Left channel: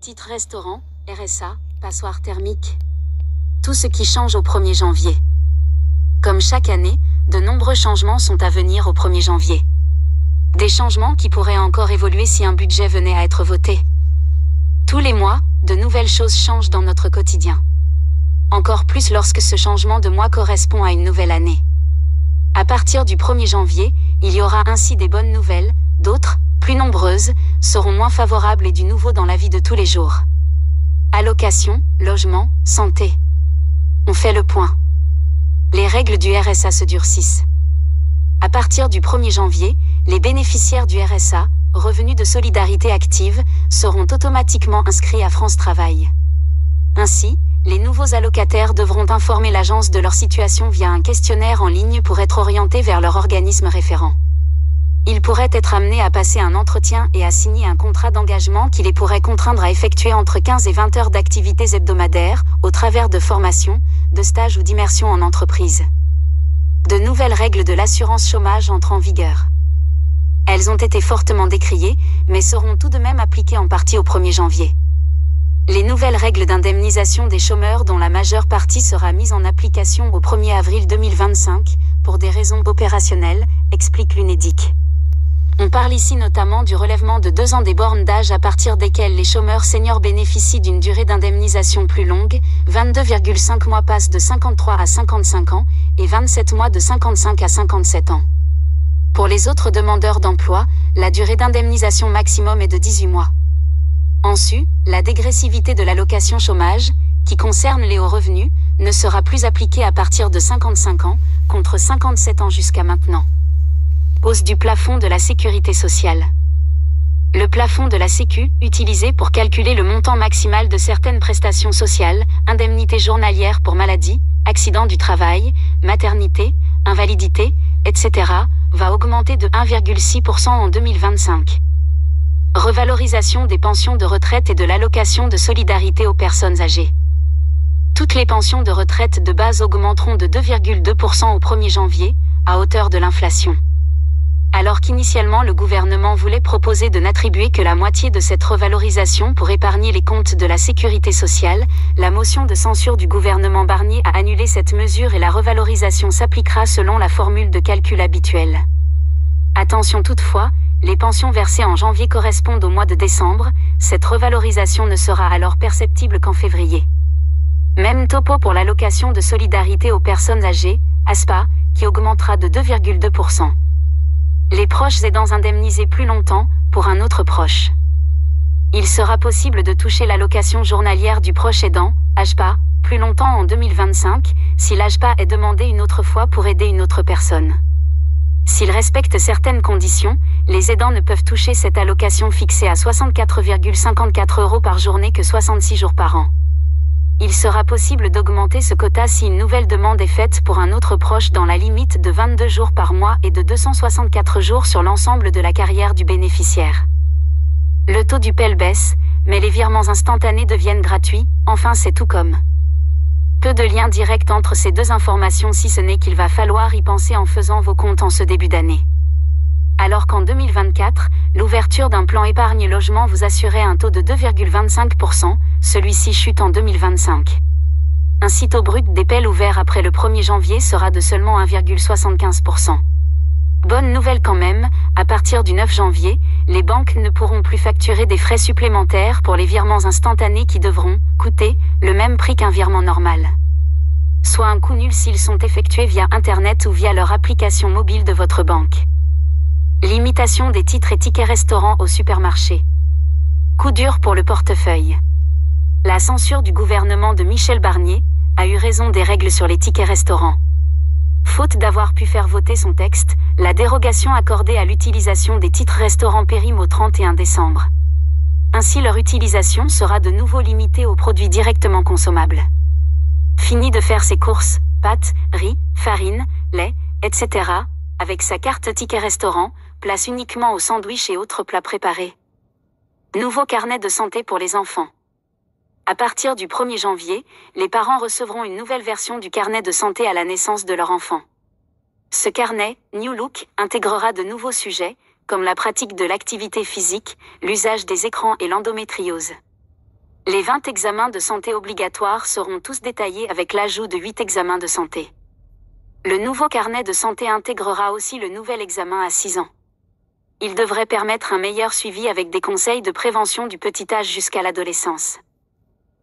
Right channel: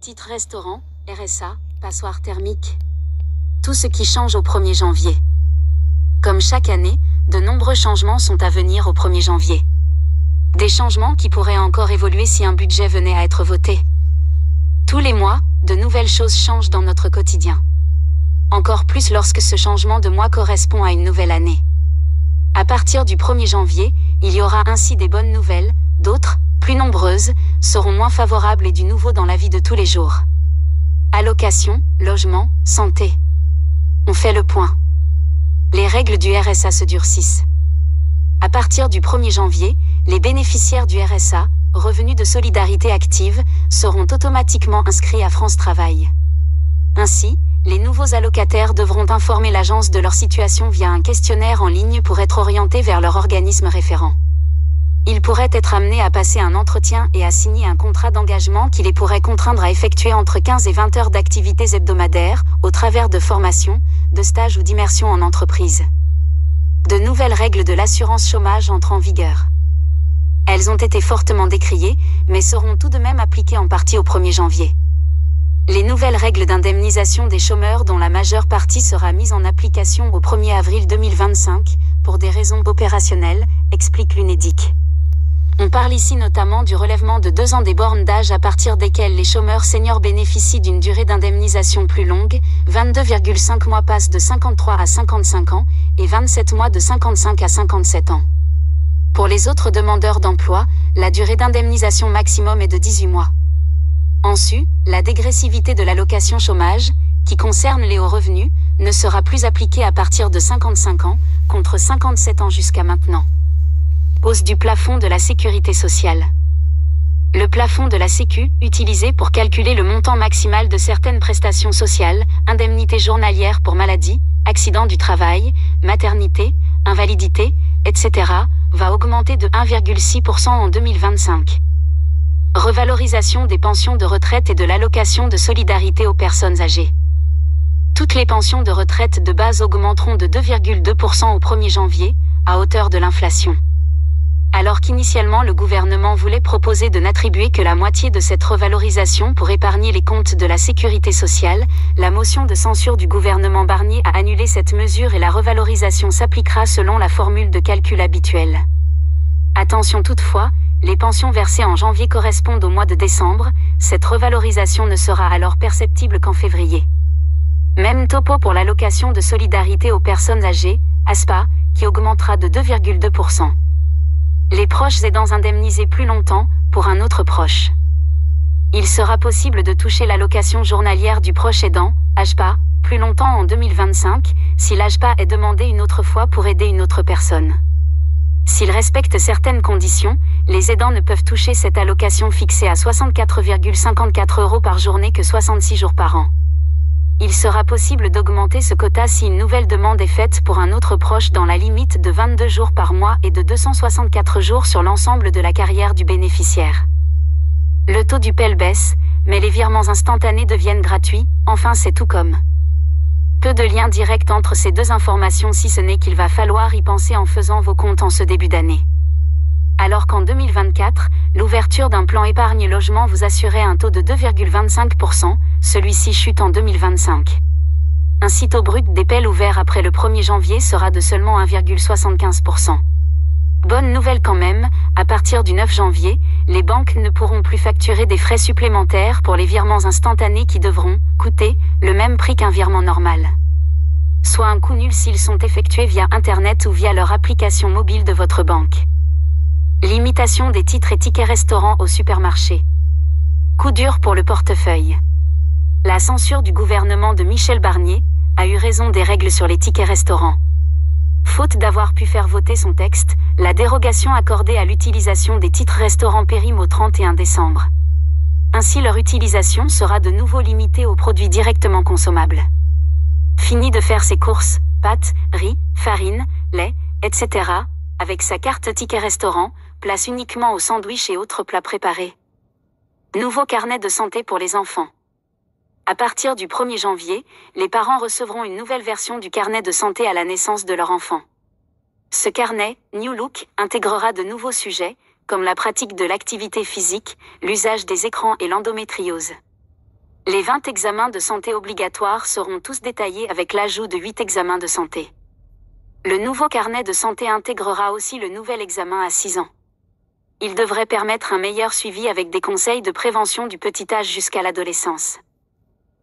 Titre restaurant, RSA, passoire thermique. Tout ce qui change au 1er janvier. Comme chaque année, de nombreux changements sont à venir au 1er janvier. Des changements qui pourraient encore évoluer si un budget venait à être voté. Tous les mois, de nouvelles choses changent dans notre quotidien. Encore plus lorsque ce changement de mois correspond à une nouvelle année. À partir du 1er janvier, il y aura ainsi des bonnes nouvelles, d'autres, plus nombreuses, seront moins favorables et du nouveau dans la vie de tous les jours. Allocation, logement, santé. On fait le point. Les règles du RSA se durcissent. À partir du 1er janvier, les bénéficiaires du RSA, Revenu de Solidarité Active, seront automatiquement inscrits à France Travail. Ainsi, les nouveaux allocataires devront informer l'agence de leur situation via un questionnaire en ligne pour être orientés vers leur organisme référent. Ils pourraient être amenés à passer un entretien et à signer un contrat d'engagement qui les pourrait contraindre à effectuer entre 15 et 20 heures d'activités hebdomadaires, au travers de formations, de stages ou d'immersions en entreprise. De nouvelles règles de l'assurance chômage entrent en vigueur. Elles ont été fortement décriées, mais seront tout de même appliquées en partie au 1er janvier. Les nouvelles règles d'indemnisation des chômeurs dont la majeure partie sera mise en application au 1er avril 2025, pour des raisons opérationnelles, explique l'UNEDIC. On parle ici notamment du relèvement de 2 ans des bornes d'âge à partir desquelles les chômeurs seniors bénéficient d'une durée d'indemnisation plus longue, 22,5 mois passent de 53 à 55 ans, et 27 mois de 55 à 57 ans. Pour les autres demandeurs d'emploi, la durée d'indemnisation maximum est de 18 mois. En sus, la dégressivité de l'allocation chômage, qui concerne les hauts revenus, ne sera plus appliquée à partir de 55 ans, contre 57 ans jusqu'à maintenant. Hausse du plafond de la sécurité sociale. Le plafond de la Sécu, utilisé pour calculer le montant maximal de certaines prestations sociales, indemnités journalières pour maladie, accident du travail, maternité, invalidité, etc., va augmenter de 1,6% en 2025. Revalorisation des pensions de retraite et de l'allocation de solidarité aux personnes âgées. Toutes les pensions de retraite de base augmenteront de 2,2% au 1er janvier, à hauteur de l'inflation. Alors qu'initialement le gouvernement voulait proposer de n'attribuer que la moitié de cette revalorisation pour épargner les comptes de la sécurité sociale, la motion de censure du gouvernement Barnier a annulé cette mesure et la revalorisation s'appliquera selon la formule de calcul habituelle. Attention toutefois, les pensions versées en janvier correspondent au mois de décembre, cette revalorisation ne sera alors perceptible qu'en février. Même topo pour l'allocation de solidarité aux personnes âgées, ASPA, qui augmentera de 2,2%. Les proches aidants indemnisés plus longtemps, pour un autre proche. Il sera possible de toucher l'allocation journalière du proche aidant, AJPA, plus longtemps en 2025, si l'AJPA est demandé une autre fois pour aider une autre personne. S'ils respectent certaines conditions, les aidants ne peuvent toucher cette allocation fixée à 64,54 € par journée que 66 jours par an. Il sera possible d'augmenter ce quota si une nouvelle demande est faite pour un autre proche dans la limite de 22 jours par mois et de 264 jours sur l'ensemble de la carrière du bénéficiaire. Le taux du PEL baisse, mais les virements instantanés deviennent gratuits, enfin c'est tout comme. Peu de lien direct entre ces deux informations si ce n'est qu'il va falloir y penser en faisant vos comptes en ce début d'année. Alors qu'en 2024, l'ouverture d'un plan épargne-logement vous assurait un taux de 2,25%, celui-ci chute en 2025. Ainsi taux brut des PEL ouverts après le 1er janvier sera de seulement 1,75%. Bonne nouvelle quand même, à partir du 9 janvier, les banques ne pourront plus facturer des frais supplémentaires pour les virements instantanés qui devront coûter le même prix qu'un virement normal. Soit un coût nul s'ils sont effectués via Internet ou via leur application mobile de votre banque. Limitation des titres et tickets restaurants au supermarché. Coup dur pour le portefeuille. La censure du gouvernement de Michel Barnier a eu raison des règles sur les tickets restaurants. Faute d'avoir pu faire voter son texte, la dérogation accordée à l'utilisation des titres restaurants périme au 31 décembre. Ainsi leur utilisation sera de nouveau limitée aux produits directement consommables. Fini de faire ses courses, pâtes, riz, farine, lait, etc., avec sa carte ticket restaurant, place uniquement aux sandwichs et autres plats préparés. Nouveau carnet de santé pour les enfants. À partir du 1er janvier, les parents recevront une nouvelle version du carnet de santé à la naissance de leur enfant. Ce carnet, New Look, intégrera de nouveaux sujets, comme la pratique de l'activité physique, l'usage des écrans et l'endométriose. Les 20 examens de santé obligatoires seront tous détaillés avec l'ajout de 8 examens de santé. Le nouveau carnet de santé intégrera aussi le nouvel examen à 6 ans. Il devrait permettre un meilleur suivi avec des conseils de prévention du petit âge jusqu'à l'adolescence.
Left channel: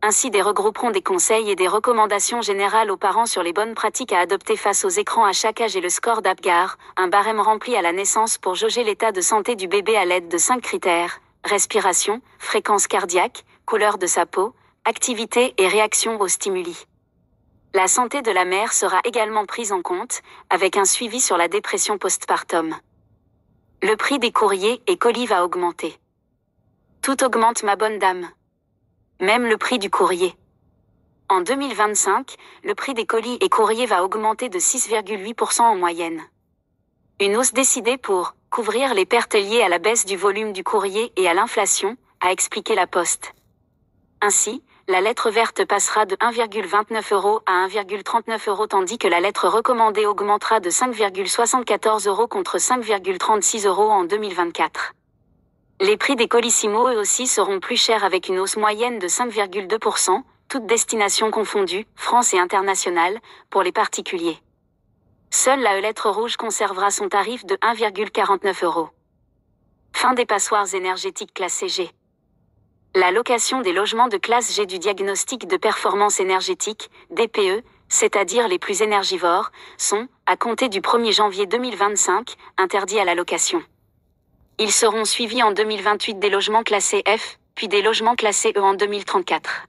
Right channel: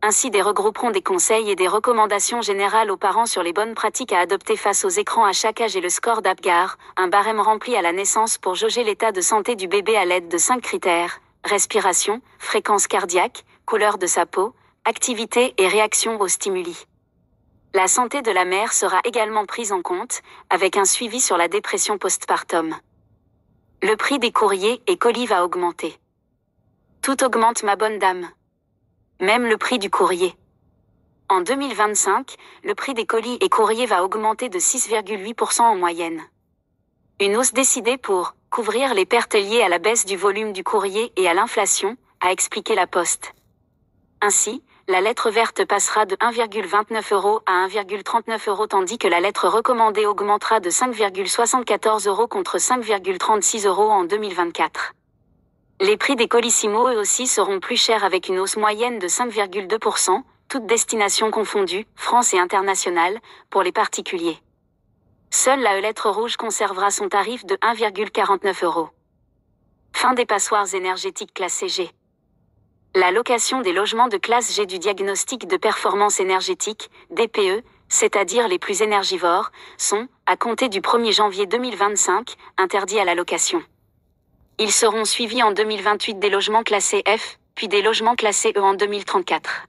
Ainsi, regrouperont des conseils et des recommandations générales aux parents sur les bonnes pratiques à adopter face aux écrans à chaque âge et le score d'Apgar, un barème rempli à la naissance pour jauger l'état de santé du bébé à l'aide de 5 critères: respiration, fréquence cardiaque, couleur de sa peau, activité et réaction aux stimuli. La santé de la mère sera également prise en compte, avec un suivi sur la dépression postpartum. Le prix des courriers et colis va augmenter. Tout augmente, ma bonne dame. Même le prix du courrier. En 2025, le prix des colis et courriers va augmenter de 6,8% en moyenne. Une hausse décidée pour couvrir les pertes liées à la baisse du volume du courrier et à l'inflation, a expliqué la Poste. Ainsi, la lettre verte passera de 1,29 € à 1,39 € tandis que la lettre recommandée augmentera de 5,74 € contre 5,36 € en 2024. Les prix des colissimo eux aussi seront plus chers avec une hausse moyenne de 5,2%, toutes destinations confondues, France et internationales, pour les particuliers. Seule la lettre rouge conservera son tarif de 1,49 €. Fin des passoires énergétiques classées G. La location des logements de classe G du diagnostic de performance énergétique, DPE, c'est-à-dire les plus énergivores, sont, à compter du 1er janvier 2025, interdits à la location. Ils seront suivis en 2028 des logements classés F, puis des logements classés E en 2034.